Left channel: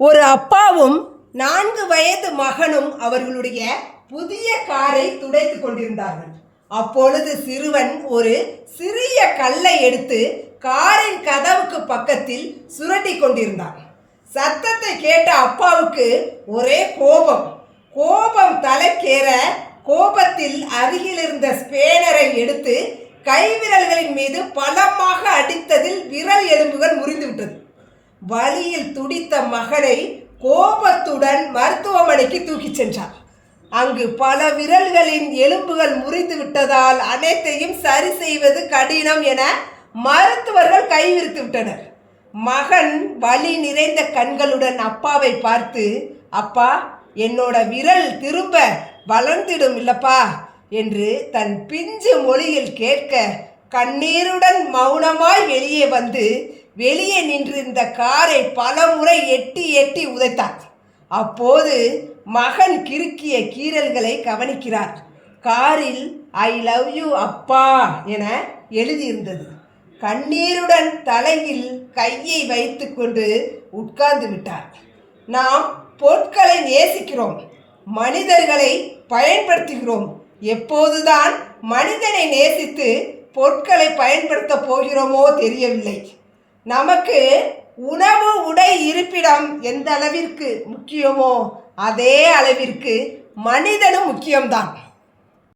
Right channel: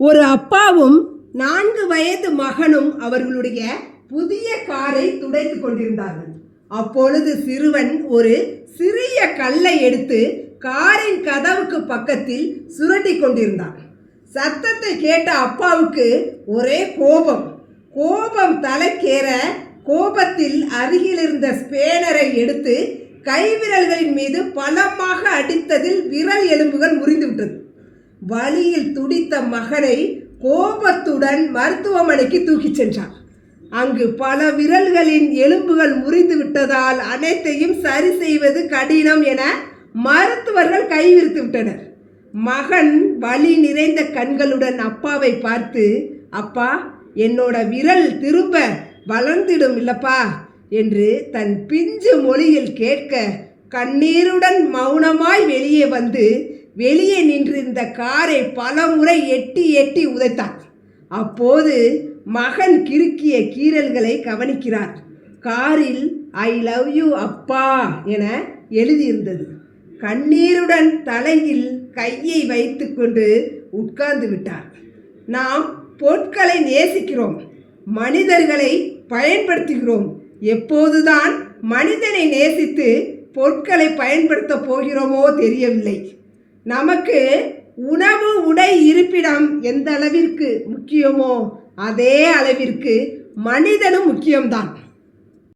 ஒரு அப்பாவும் 4 வயது மகனும் அவர்களுடைய புதிய காரை துடைத்துக் கொண்டிருந்தார்கள். அப்பொழுது சிறுவன் ஒரு சிறிய கல்லை எடுத்து காரின் கதவுக்கு பக்கத்தில் சுரண்டி கொண்டிருந்தான். சத்தத்தை கேட்ட அப்பாவுக்கு ஒரே கோபம் தலைக்கேற கோபத்தில் அருகில் இருந்த ஸ்பேனரை எடுத்து கைவிரல்களின் மீது பலமாக அடித்ததில் விரல் எலும்புகள் முறிந்துவிட்டது. வலியில் துடித்த மகனை கோபத்துடன் மருத்துவமனைக்கு தூக்கிச் சென்றார். அங்கு பல விரல்களின் எலும்புகள் முறிந்து விட்டதால் அனைத்தையும் சரி செய்வது கடினம் என மருத்துவர்கள் கைவிரித்து விட்டனர். மகன் வலி நிறைந்த கண்களுடன் அப்பாவை பார்த்து, அப்பா, என்னோட விரல் திரும்ப வளர்ந்திடும் இல்லப்பா என்று தன் பிஞ்சு மொழியில் கேட்க, கண்ணீருடன் மௌனமாய் வெளியே வந்து வெளியே நின்றிருந்த காரை பல முறை எட்டி உதைத்தார். அப்போது மகன் கிறுக்கிய கீறல்களை கவனிக்கிறார். காரில் ஐ லவ் யூ அப்பா என எழுதியிருந்தது. கண்ணீருடன் தலையில் கையை வைத்து கொண்டு உட்கார்ந்து விட்டார். நாம் பொருட்களை நேசிக்கிறோம், மனிதர்களை பயன்படுத்துகிறோம். எப்போதுதான் மனிதனை நேசித்து பொருட்களை பயன்படுத்த போகிறோமோ தெரியவில்லை. நமக்கு உணவு, உடை, இருப்பிடம் எந்த அளவிற்கு முக்கியமோ அதே அளவிற்கு மனிதனும் முக்கியம்தான்.